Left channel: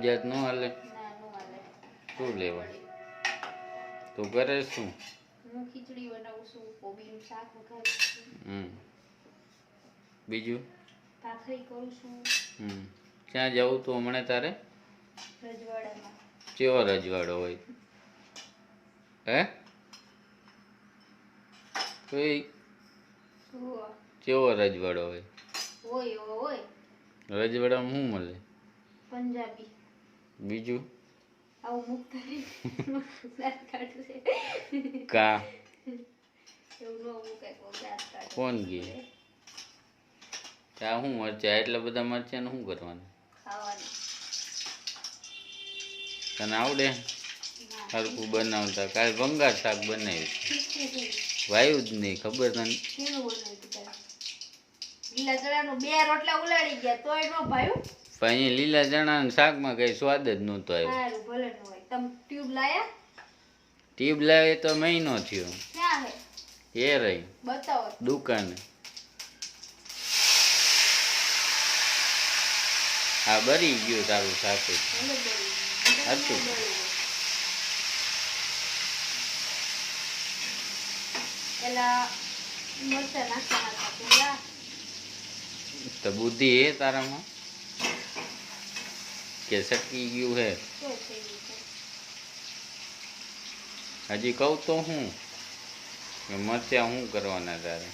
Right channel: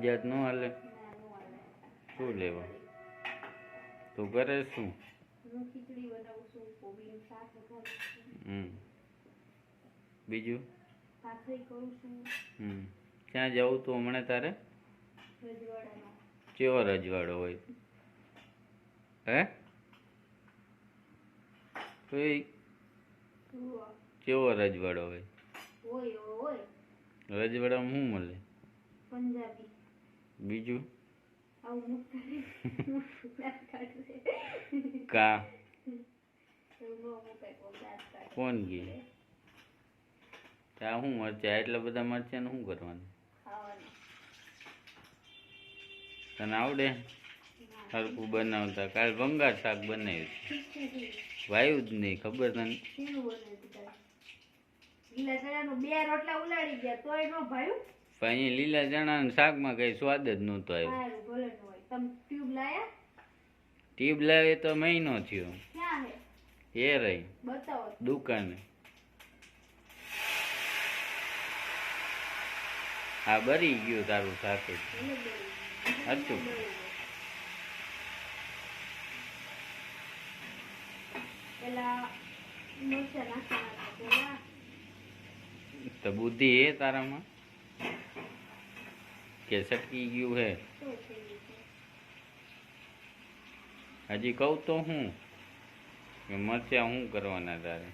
નવજાત ન હાલે. ના નો હાલે શું લેવા? તું કરે શું? હું ખીચડી બનાવું છું કોબીનું શાક વઘારું છું. હમ. બીજું? ભાખરી કરું છું. હમ. ક્યાં જવું તું હમણાં તારે? રજવાડામાં. કેવો રજવાડો હોય? હે? તો એ કેવો રજવાડો હોય? હોય હોય રજવાડામાં શું મળે? પંજાબી. બીજું? આવું મુકતા કા? કોણ ગઈ કા? શું મરચા? એટલા બધા મરચા શું કરવાનું? તને આવડે? હરકું બનાવતા. કાલે ભંગાર શાક બનાવ્યું. વાયું જ નહીં ખબર તને? લીલા ચણાનું બે રોટલા ઉલાડી ગયા તોય ન ભાયું પણ લીલા ચણાના શાકમાં કઈ સ્વાદ જ નહોતો આવ્યો. સારું ભલે ન હોય. તમ ટ્યુબ લાયા? ટ્યુબ લાવે તો મહિનો થયો. ક્યાં હે? એ રહી. બતાવો. દુકાને. હા બરી ગયું તારું સાથે હતું. પેલા મરચા નાખવાના હતા પેલા. તો બુદ્ધિ હે તારામાં કે સકી ગયું હે શું થઈ ગયું છે હજી કહું તો હું કે મરચાં શું કરવાના તારે